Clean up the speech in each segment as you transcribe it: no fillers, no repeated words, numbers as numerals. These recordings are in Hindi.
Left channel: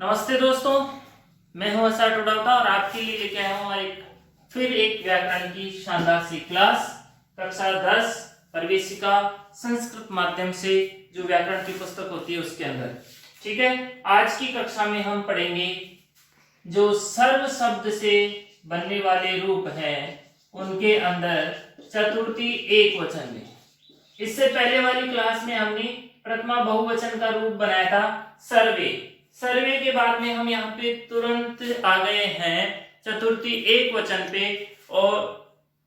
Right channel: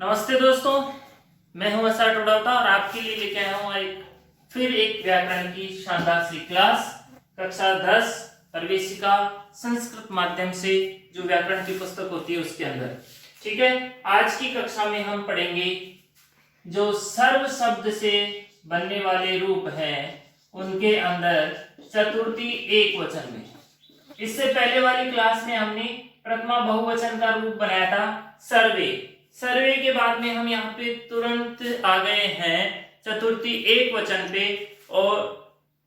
नमस्ते दोस्तों, मैं हूं असा टोडावता और आपके लिए लेके आया हूं फिर एक व्याकरण की शानदार सी क्लास कक्षा 10 प्रवेशिका संस्कृत माध्यम से जो व्याकरण की पुस्तक होती है उसके अंदर। ठीक है, आज की कक्षा में हम पढ़ेंगे जो सर्व शब्द से बनने वाले रूप हैं उनके अंदर चतुर्थी एक वचन में। इससे पहले वाली क्लास में हमने प्रथमा बहुवचन का रूप बनाया था सर्वे। सर्वे के बाद में हम यहाँ पे तुरंत आ गए हैं चतुर्थी एक वचन पे। और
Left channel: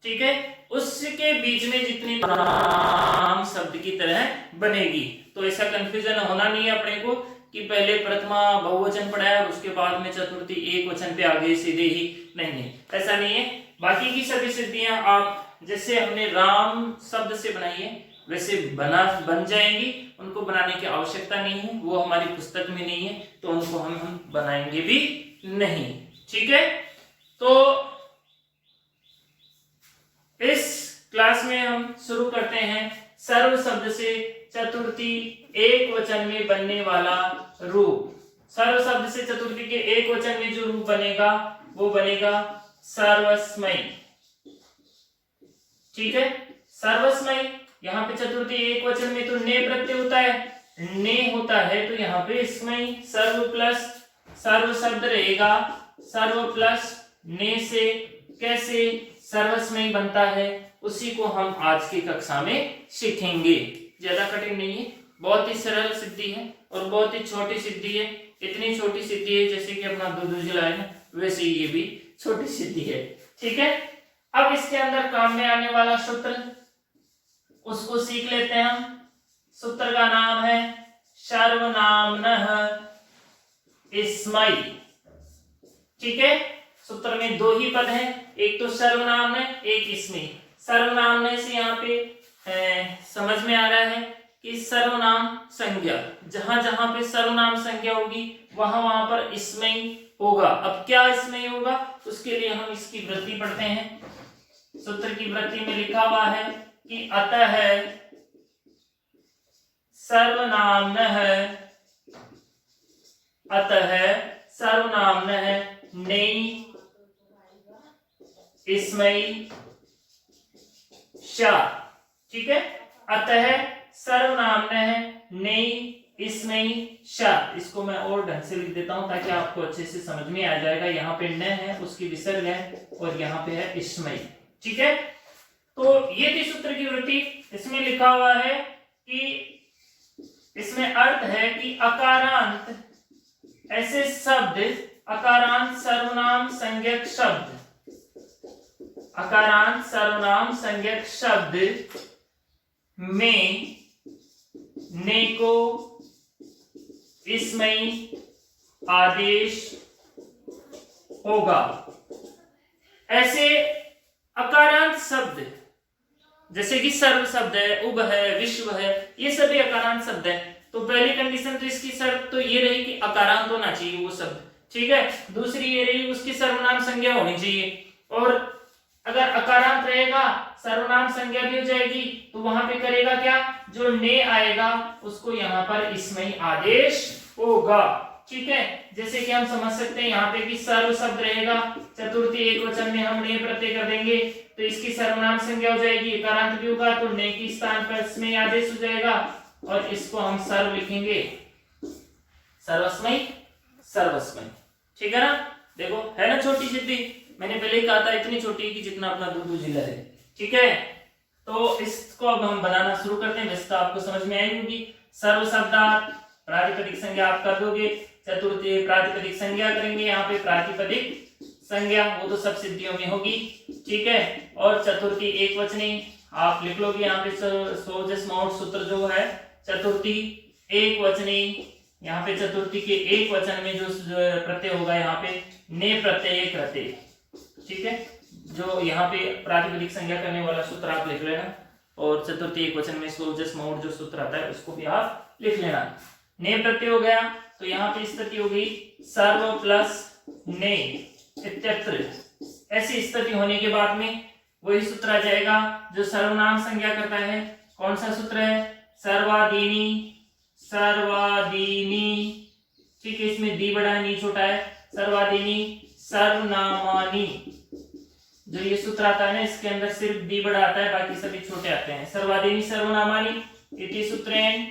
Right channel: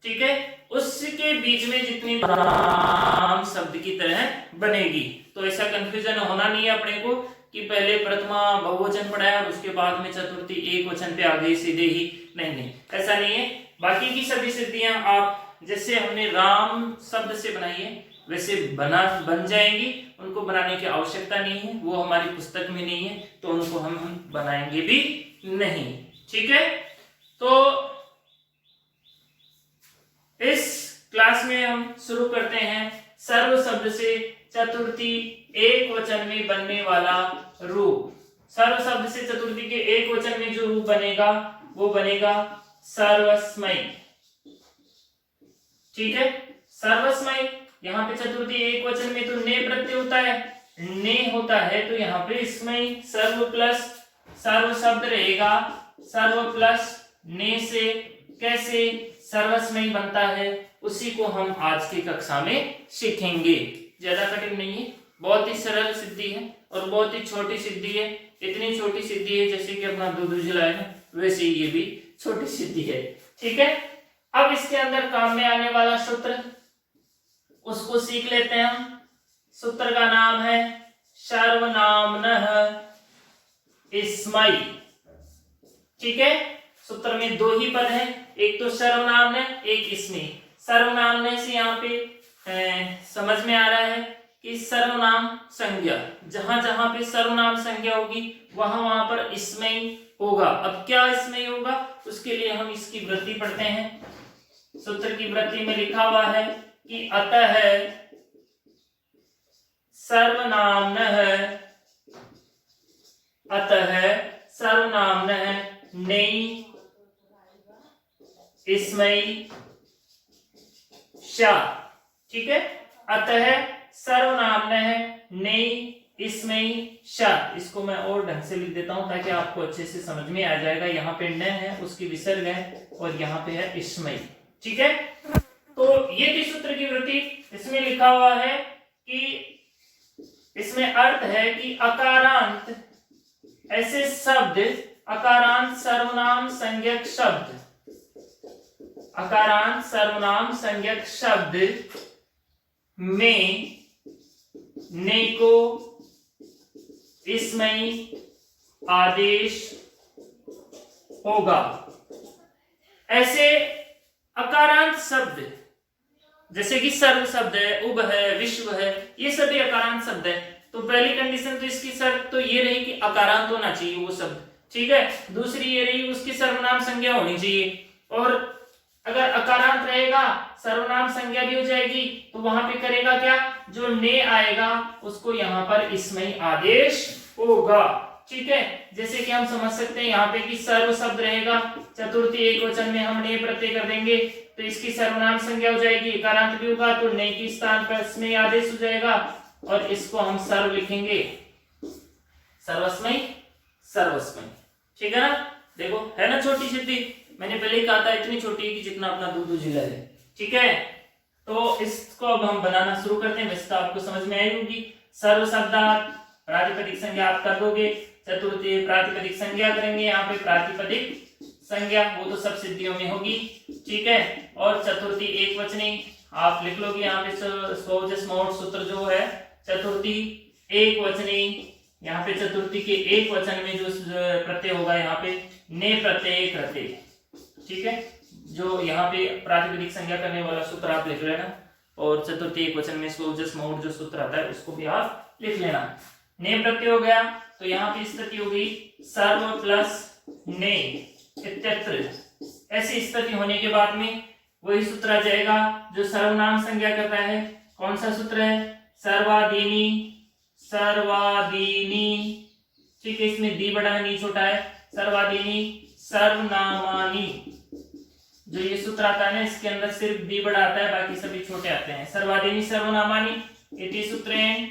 ठीक है, उसके बीच में जितनी नाम शब्द की तरह बनेगी, तो ऐसा कंफ्यूजन होना नहीं है अपने को कि पहले प्रथमा बहुवचन पढ़ाया और उसके बाद में चतुर्थी एक वचन पे आ गए सीधे ही। नहीं, ऐसा नहीं है। बाकी की सभी सिद्धियां आप जैसे हमने राम शब्द से बनाई है वैसे बन जाएंगी। उनको बनाने की आवश्यकता नहीं है, वो हमारी पुस्तक में नहीं है, तो उनको हम बनाएंगे भी नहीं। ठीक है, तो इस क्लास में हम शुरू करते हैं सर्व शब्द से चतुर्थी एक वचन में बनने वाला रूप। सर्व शब्द से चतुर्थी के एक वचन में जो रूप बनेगा वो बनेगा सर्वस्मयी। ठीक है, सर्वस्मयी। यहाँ पे चतुर्थी एक वचन में तो ने प्रत्यय होता है, ने होता है, तो यहाँ पे स्मयी सर्व प्लस सर्व शब्द रहेगा। सर्व प्लस ने से कैसे सर्वस्मयी बनता है उसी को हम आज की कक्षा में सीखेंगे। ज्यादा कठिन नहीं है, बहुत ही सरल सिद्धि है और बहुत ही छोटी सिद्धि है। इतनी छोटी सिद्धि है जैसे कि अपना दूध जिला है ना, वैसे ये भी छोटी सिद्धि है। ठीक है, अब इसके अंदर काम में आने वाला सूत्र उसको सीख लेते हैं हम। सूत्र का नाम है सर्वनामनः स्मयी। ठीक है, सूत्र में दो ही पद है, एक तो सर्वनाम है, एक स्मयी। सर्वनाम से यहाँ पे समझ में आ रहा है कि सर्वनाम संज्ञा, जहां जहां पे सर्वनाम संज्ञा होगी वहां वहां पर स्मयी होगा। अब क्या स्मयी होगा उसके लिए हम इसकी वृत्ति पढ़ते हैं। सूत्र की वृत्ति में लिखा हुआ है कि अतः सर्वनामनः नेई स्मयी शा। ठीक है, अतः सर्वनामनः नेई स्मयी शा। इसको मैं और ढंग से लिख देता हूं ताकि आपको अच्छे से समझ में आ जाएगा। यहाँ पे न है, उसकी विसर्ग है, और यहाँ पे है स्मयी। ठीक है, तो ये थी सूत्र की वृत्ति। इसमें लिखा हुआ है कि इसमें अर्थ है कि अकारांत ऐसे शब्द, अकारांत सर्वनाम संज्ञक शब्द, अकारांत सर्वनाम संज्ञक शब्द में ने को स्मयी आदेश होगा। ऐसे अकारांत शब्द जैसे कि सर्व शब्द है, उब है, विश्व है, ये सभी अकारांत शब्द है। तो पहली कंडीशन तो इसकी शर्त तो ये रही कि अकारांत होना चाहिए वो शब्द। ठीक है, दूसरी ये रही उसकी सर्वनाम संज्ञा होनी चाहिए। और अगर अकारांत रहेगा सर्वनाम संज्ञा भी हो जाएगी, तो वहां पे करेगा क्या, जो ने आएगा उसको यहाँ पर स्मयी आदेश होगा। ठीक है, जैसे कि हम समझ सकते हैं यहाँ पे कि सर्व शब्द रहेगा, चतुर्थी एक वचन में हम ने प्रत्यय कर देंगे तो इसकी सर्वनाम संज्ञा हो जाएगी। अकारांत भी होगा तो ने के स्थान पर स्मयी आदेश हो जाएगा, और इसको हम सर्व लिखेंगे, सर्वस्मयी, सर्वस्मयी। ठीक है ना, देखो है ना छोटी सिद्धि। मैंने पहले ही कहा था इतनी छोटी कि जितना अपना दूध जिला है। ठीक है, तो इसको अब हम बनाना शुरू करते हैं। वैसे तो आपको समझ में आई होगी। सर्व शब्दार्थ प्रातिपदिक संज्ञा आप कर दोगे, चतुर्थी प्रातिपदिक संज्ञा करेंगे, यहाँ पे प्रातिपदिक संज्ञा वो तो सब सिद्धियों में होगी। ठीक है, और चतुर्थी एक वचनी आप लिख लोगे यहाँ पे। सोजस मौढ़ सूत्र जो है चतुर्थी एक वचनी, यहाँ पे चतुर्थी के एक वचन में जो प्रत्यय होगा यहाँ पे ने प्रत्यय कृते। ठीक है, जो यहाँ पे प्रातिपदिक संज्ञा करने वाला सूत्र आप लिख लेना, और चतुर्थी एक वचन में सोजस मौढ़ जो सूत्र आता है उसको भी आप लिख लेना। ने प्रत्यय हो गया तो यहाँ पे स्थिति हो गई सर्व प्लस ने इत्यत्र। ऐसी स्थिति होने के बाद में वही सूत्र आ जाएगा जो सर्वनाम संज्ञा करता है। कौन सा सूत्र है, सर्वादीनी, सर्वादीनी। ठीक है, इसमें दी बड़ा है, नी छोटा है। सर्वादीनी सर्वनामानी, जो ये सूत्र आता है ना, इसके अंदर सिर्फ दी बड़ा आता है, बाकी सभी छोटे आते हैं। सर्वादीनी सर्वनामानी इति सूत्रेण।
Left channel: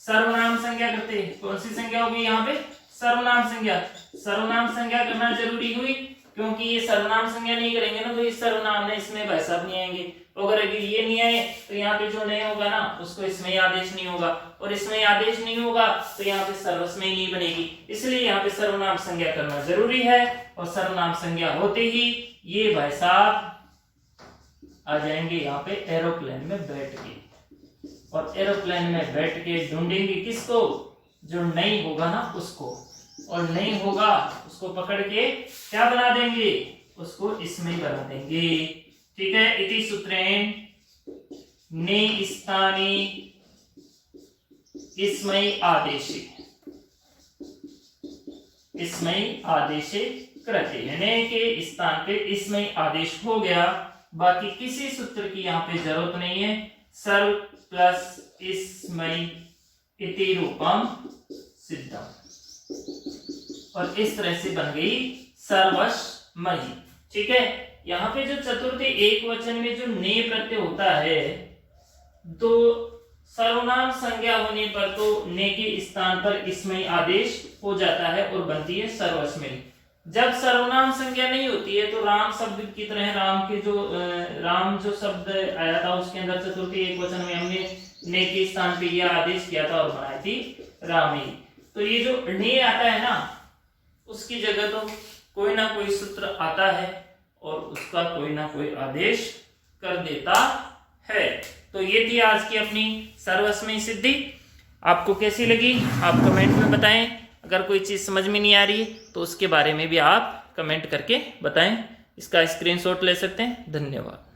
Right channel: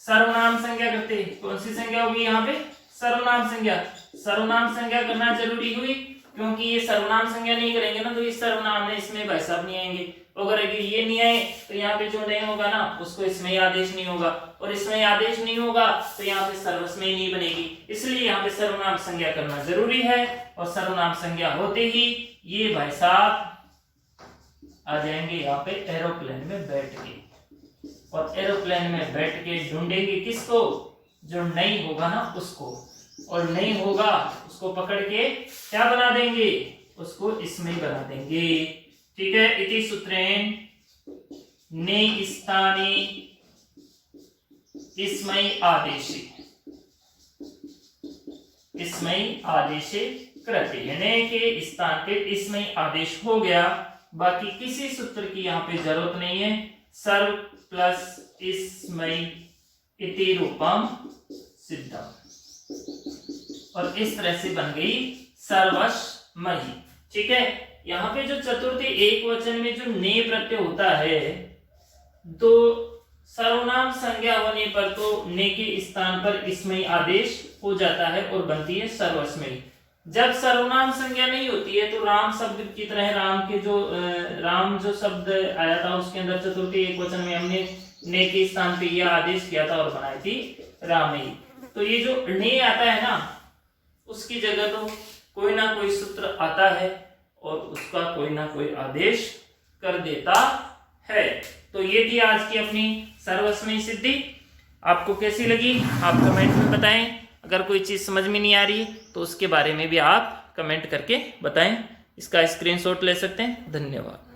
सर्वनाम संज्ञा करते हैं, कौन सी संज्ञा होगी यहाँ पे? सर्वनाम संज्ञा। सर्वनाम संज्ञा करना जरूरी हुई, क्योंकि ये सर्वनाम संज्ञा नहीं करेंगे ना तो ये सर्वनाम में इसमें भाई साहब नहीं आएंगे। अगर ये नहीं आए तो यहाँ पे जो नहीं होगा ना उसको इसमें आदेश नहीं होगा, और इसमें आदेश नहीं होगा तो यहाँ पे सर्वस्मयी नहीं बनेगी। इसलिए यहाँ पे सर्वनाम संज्ञा करना जरूरी है, और सर्वनाम संज्ञा होते ही ये भाई साहब आ जाएंगे यहाँ पे एरोप्लेन में बैठ के, और एरोप्लेन में बैठ के ढूंढेंगे किसको? जो नहीं होगा ना उसको, और नहीं होगा उसको पकड़ के क्या बना देंगे? उसको इसमें ही बना देंगे। ठीक है, इति सूत्रेण ने स्थाने इसमयी आदेशे, इसमयी आदेशे कृते, ने के स्थान पे इसमयी आदेश हो गया। बाकी किसी सूत्र की यहाँ पे जरूरत नहीं है। सर्व प्लस इसमयी इति रूपम सिद्धम, और इस तरह से बन गई सर्वस्मयी। ठीक है, यहाँ पे जो चतुर्थी एक वचन में जो ने प्रत्यय होता है, तो सर्वनाम संज्ञा होने पर तो ने के स्थान पर इसमयी आदेश हो जाता है और बनती है सर्वस्मयी। जब सर्वनाम संज्ञा नहीं होती है तो राम शब्द की तरह, राम के जो राम जो शब्द आया था उसके अंदर चतुर्थी एक वचन में हमने ने के स्थान पे यह आदेश किया था और बनाई थी रामी। तो ये जो ने आता है ना, उसकी जगह तो कोई ना कोई सूत्र आता है और उसका कोई ना कोई आदेश कर देता है। तो ये थी आज की अपनी सर्वस्मयी सिद्धि। आपको कैसी लगी आप कमेंट में बताएं। अगर कोई चीज समझ में नहीं आ रही तो उसके बारे में भी आप कमेंट करके बताएं। इसका स्क्रीनशॉट ले सकते हैं। धन्यवाद।